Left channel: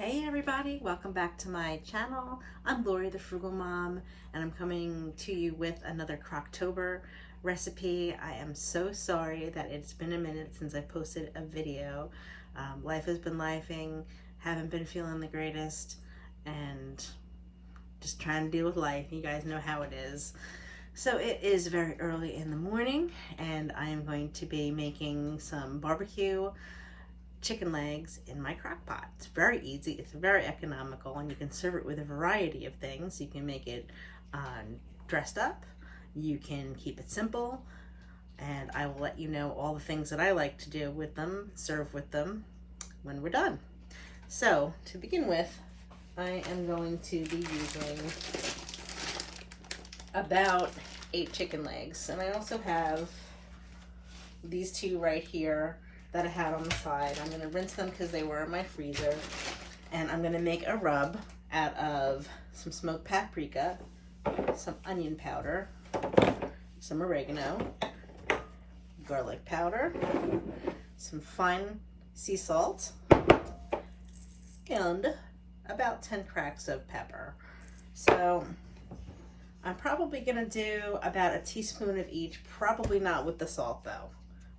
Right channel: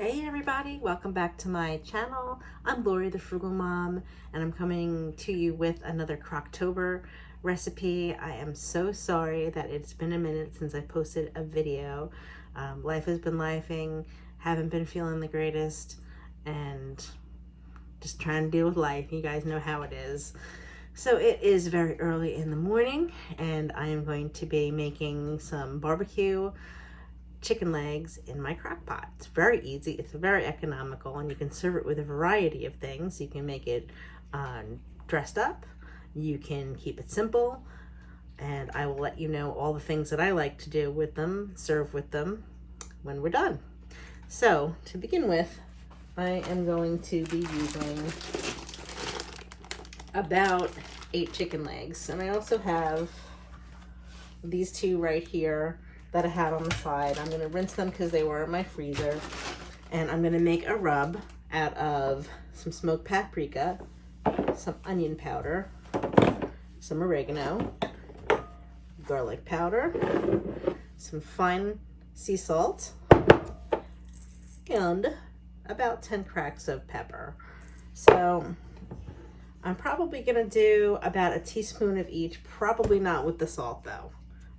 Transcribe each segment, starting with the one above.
Hey everybody, welcome back to my channel. I'm Lori the Frugal Mom and I'm coming to you with another Crocktober recipe. I am so sorry that it's been a minute since I posted a video. Life has been lifing, haven't been feeling the greatest, and just trying to deal with life. You guys know how it is. So it is very early in the morning and I am going to be making some barbecue chicken legs in my crock pot. It's very easy, it's very economical, and you can serve it with a variety of things. You can make it dressed up, you can keep it simple, and I will let you know all the things that I like to do with them, serve with them when we're done. So to begin with, I am going to be using about 8 chicken legs, and I also have these two right here that I have on the side. I'm gonna rinse them because they were in my freezer. And I'm gonna make a rub out of some smoked paprika, some onion powder, some oregano, garlic powder, some fine sea salt, and about 10 cracks of pepper. So I'm probably gonna do about a teaspoon of each, probably not with the salt though.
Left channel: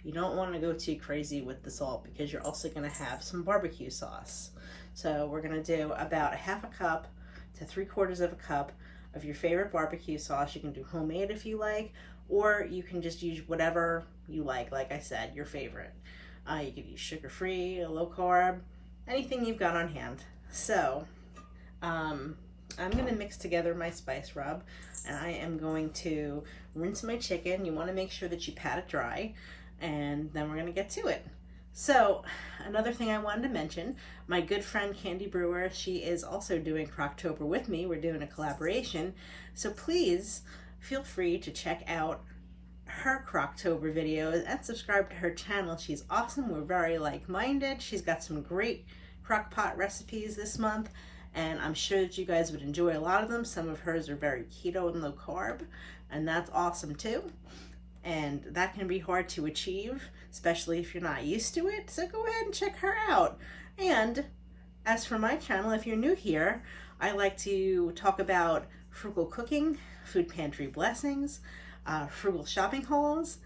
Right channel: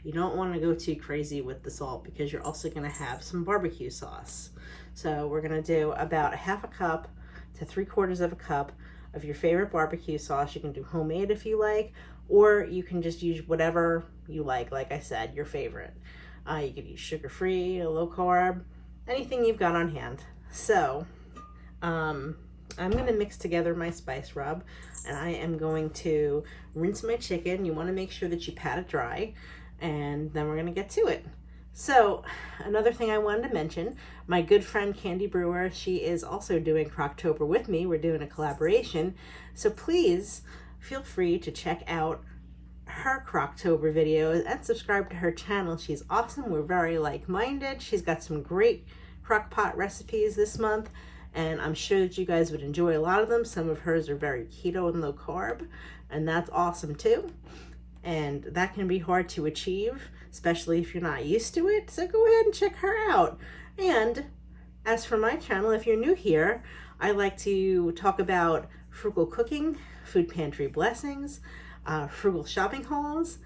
You don't want to go too crazy with the salt because you're also going to have some barbecue sauce. So we're going to do about a half a cup to 3/4 of a cup of your favorite barbecue sauce. You can do homemade if you like, or you can just use whatever you like I said, your favorite. You could use sugar-free, low carb, anything you've got on hand. So I'm going to mix together my spice rub, and I am going to rinse my chicken. You want to make sure that you pat it dry, and then we're gonna get to it. So another thing I wanted to mention, my good friend Candy Brewer, she is also doing Crocktober with me. We're doing a collaboration. So please feel free to check out her Crocktober videos and subscribe to her channel. She's awesome. We're very like-minded. She's got some great crock pot recipes this month, and I'm sure that you guys would enjoy a lot of them. Some of hers are very keto and low carb, and that's awesome too. And that can be hard to achieve, especially if you're not used to it. So go ahead and check her out. And as for my channel, if you're new here, I like to talk about frugal cooking, food pantry blessings, frugal shopping hauls,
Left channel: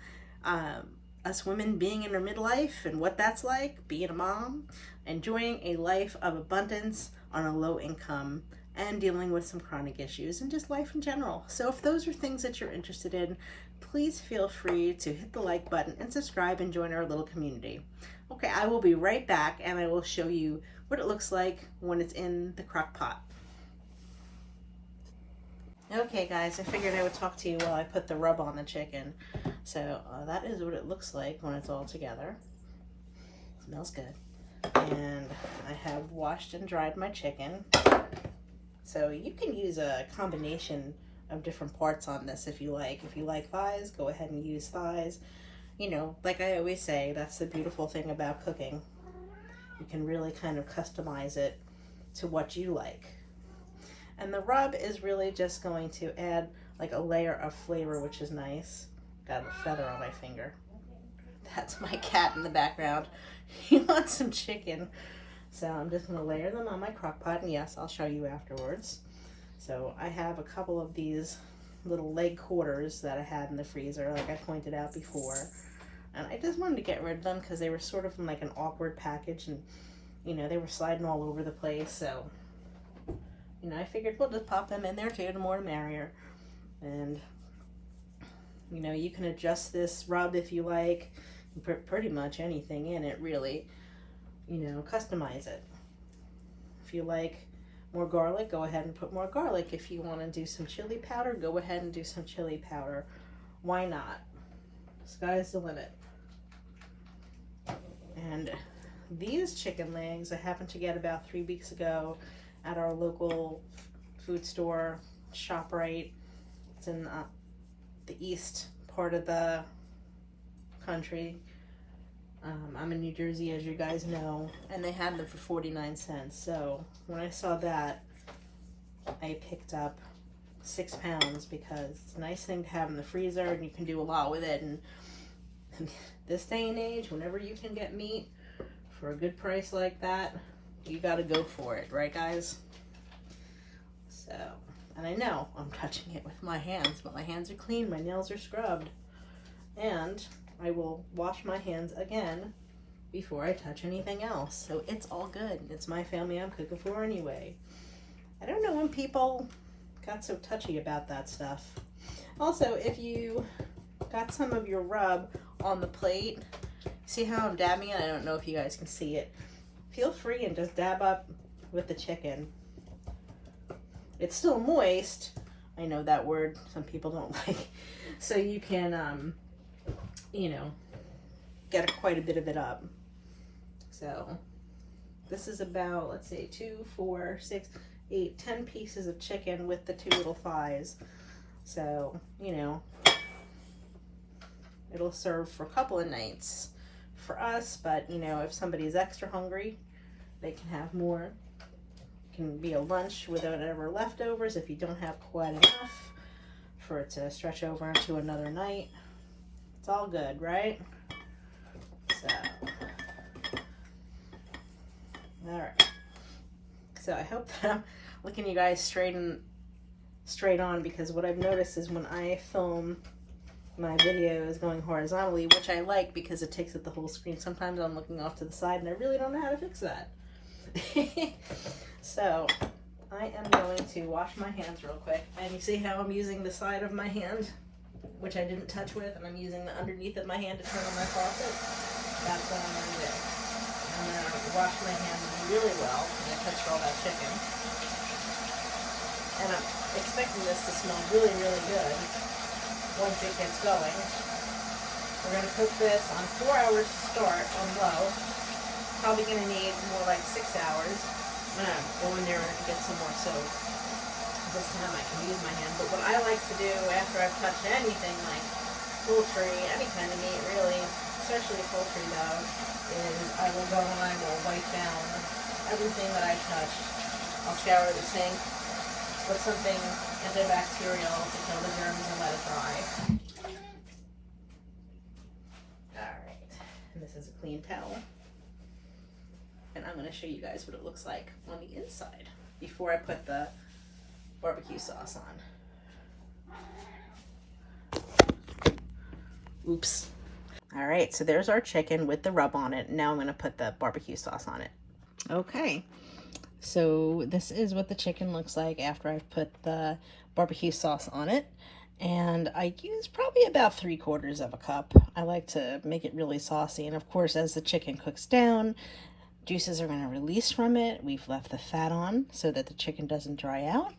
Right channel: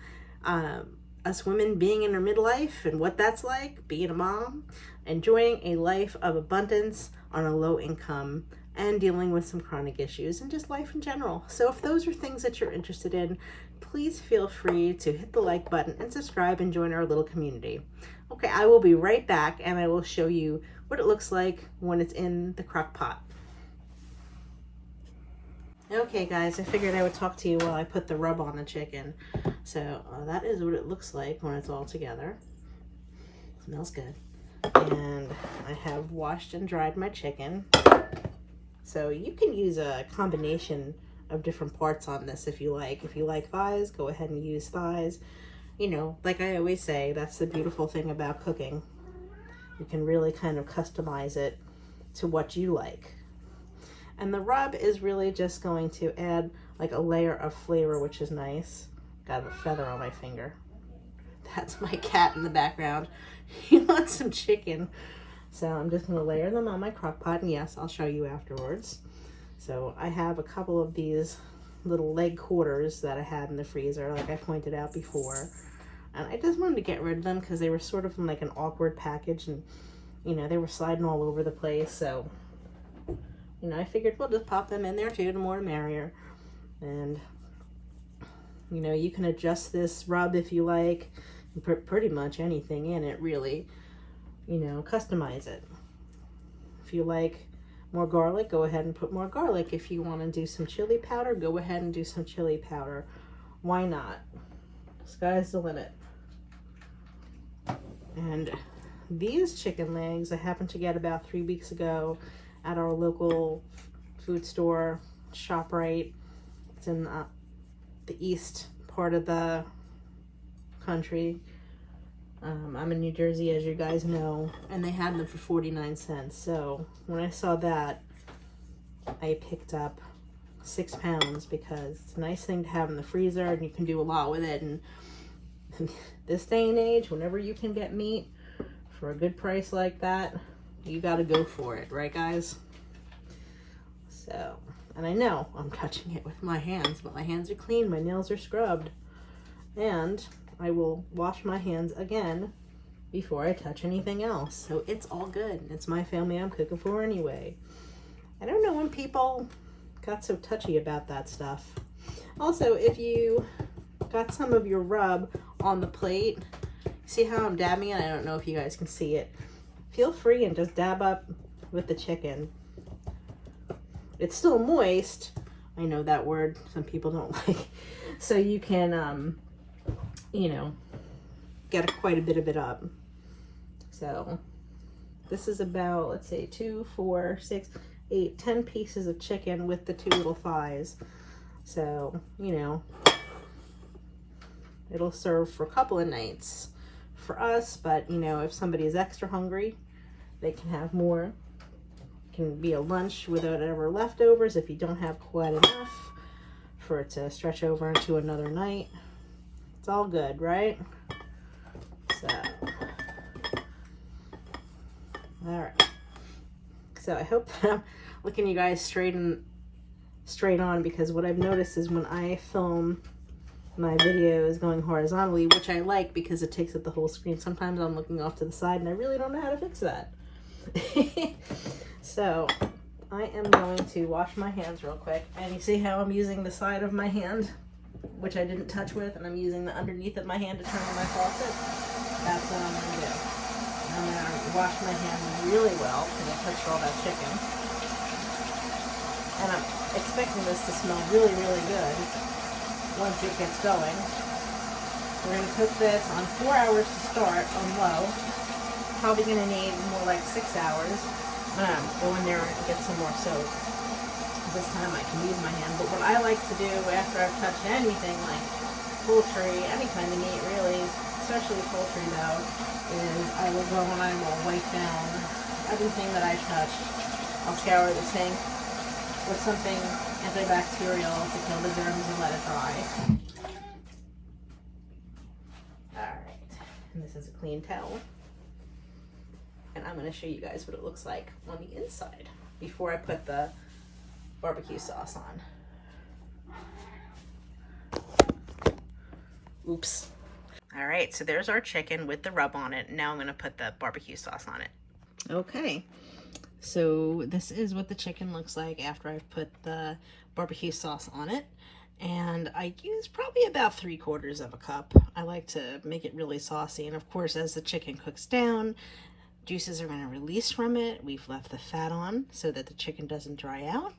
us women being in our midlife and what that's like, being a mom, enjoying a life of abundance on a low income, and dealing with some chronic issues and just life in general. So if those are things that you're interested in, please feel free to hit the like button and subscribe and join our little community. Okay, I will be right back and I will show you what it looks like when it's in the crock pot. Okay guys, I figured I would talk to you while I put the rub on the chicken. So that is what it looks like when it's all together. Smells good. And I have washed and dried my chicken. So you can use a combination of different parts on this if you like. If you like thighs, go ahead and use thighs. You know, like I always say, that's the beautiful thing about cooking. You can really kind of customize it to what you like. And the rub is really just going to add like a layer of flavor, which is nice. Got a feather on my finger. That's my cat in the background. He wants some chicken. So I'm just going to layer them on my crock pot, and yes, I'll show you afterwards. So I have a couple of these little leg quarters that I had in the freezer, like I pointed out before. And I just wanted to get rid of them because they were sort of in like an awkward package, and you know, they were sliding all over the place. So, you know, I figured we'll just pop them in there too, the more the merrier. And, you know, you can adjust this rub if you like. You put pretty much anything in it, really. You know, customize it. If you like more garlic, go ahead and put more garlic. If you want to do some chili powder, go ahead and do some chili powder. Why not? Sky's the limit. And these chicken legs I happened to get about 3 weeks ago at our local food store, ShopRite. It's in the east part of the country. I'm in New Jersey, as you guys know, and they had them for 49 cents. So when I saw that, I picked up 6 pounds because it's a nice thing to have in the freezer and you can do a lot with it. And this day and age, whenever you can get meat for a good price like that, you gotta go for it, right guys? So, and I know I'm touching it with my hands, but my hands are clean, my nails are scrubbed. And I will wash my hands again before I touch anything else. So it's all good. It's my family I'm cooking for anyway. I don't know when people got so touchy about that stuff. Also, if you got some of your rub on the plate, see how I'm dabbing it? I don't know if you guys can see it. Feel free and just dab up with the chicken. It's still moist. I know that word some people don't like. So you can, you know, get quite a bit of it up. So this is about, let's see, 2, 4, 6, 8, 10 pieces of chicken with the 2 little thighs. So, you know, it'll serve for a couple of nights for us, but you know, if somebody is extra hungry, they can have more. It can be a lunch without ever leftovers if you don't have quite enough for it to stretch over into another night. It's all good, right? So, all right. So I hope that I'm looking you guys straight on, because what I've noticed is when I film my videos going horizontally, which I like because it takes up the whole screen, sometimes I'm looking off to the side and I really don't know how to fix that. So I am going to wash my hands real quick, and you see how I'm using the side of my hand, which I didn't touch with, and I'm using the underneath of my hand to turn on my faucet. That's what I'm going to do. I'm going to wash my hands really well, and I touched all that chicken. And I'm expecting this to smell really, really good once it gets going. We're going to cook this on 4 hours to start on low. Probably going to need more like 6 hours. Go in there and get some more soap. This time I can use my hand. But what I like to do after I've touched anything like poultry, any kind of meat really, especially poultry though, is I will go and I will wipe down everything that I touched. I'll scour the sink with something antibacterial to kill the germs and let it dry. Alright, and this is a clean towel. And I'm going to show you guys what it looks like on the inside before I put the barbecue sauce on. Oops. All right, so there's our chicken with the rub on it. Now I'm going to put the barbecue sauce on it. Okay, so this is what the chicken looks like after I've put the barbecue sauce on it. And I use probably about 3/4 of a cup. I like to make it really saucy. And of course, as the chicken cooks down, juices are going to release from it. We've left the fat on so that the chicken doesn't dry out.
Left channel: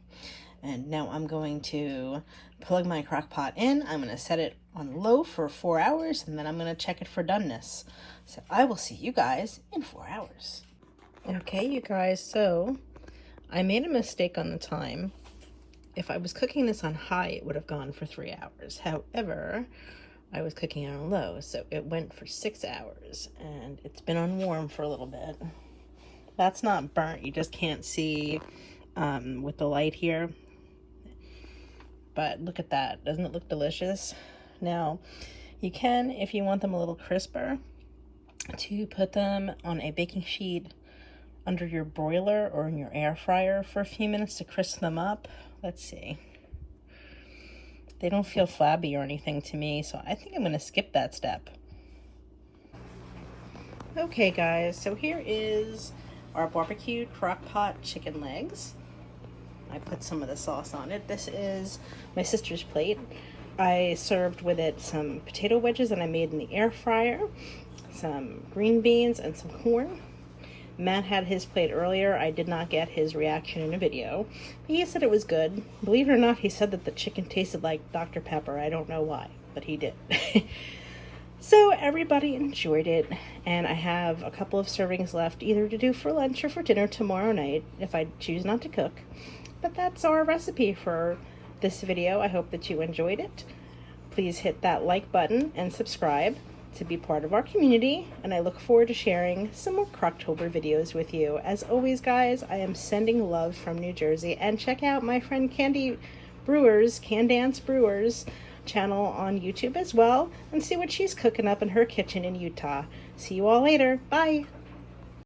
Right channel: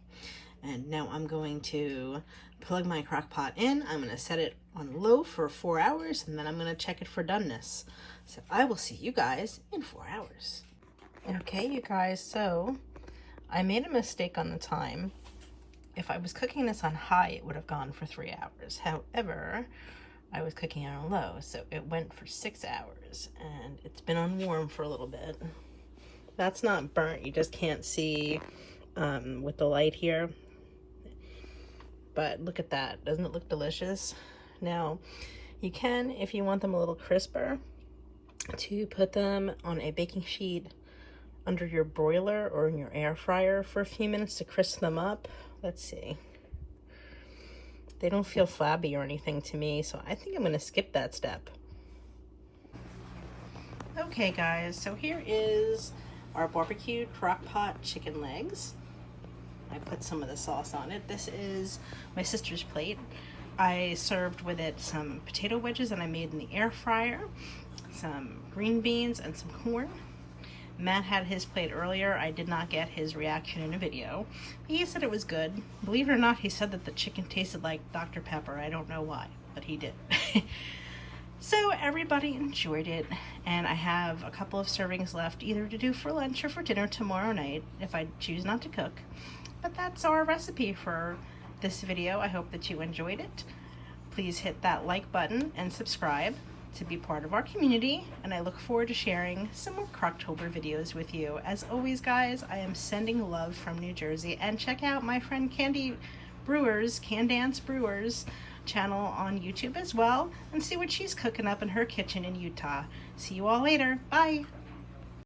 And now I'm going to plug my crock pot in. I'm going to set it on low for 4 hours, and then I'm going to check it for doneness. So I will see you guys in 4 hours. Okay, you guys, so I made a mistake on the time. If I was cooking this on high, it would have gone for 3 hours. However, I was cooking it on low, so it went for 6 hours, and it's been on warm for a little bit. That's not burnt. You just can't see with the light here. But look at that. Doesn't it look delicious? Now, you can, if you want them a little crisper, to put them on a baking sheet under your broiler or in your air fryer for a few minutes to crisp them up. Let's see. They don't feel flabby or anything to me, so I think I'm going to skip that step. Okay guys, so here is our barbecue crock pot chicken legs. I put some of the sauce on it. This is my sister's plate. I served with it some potato wedges that I made in the air fryer, some green beans, and some corn. Matt had his plate earlier. I did not get his reaction in a video. He said it was good. Believe it or not, he said that the chicken tasted like Dr. Pepper. I don't know why, but he did. So everybody enjoyed it, and I have a couple of servings left either to do for lunch or for dinner tomorrow night if I choose not to cook. But that's our recipe for this video. I hope that you enjoyed it. Please hit that like button and subscribe to be part of our community, and I look forward to sharing some more CROCKTOBER videos with you. As always, guys, I am sending love from New Jersey, and check out my friend Candy Brewers, Can Dance Brewers channel on YouTube as well, and see what she's cooking up in her kitchen in Utah. See you all later. Bye.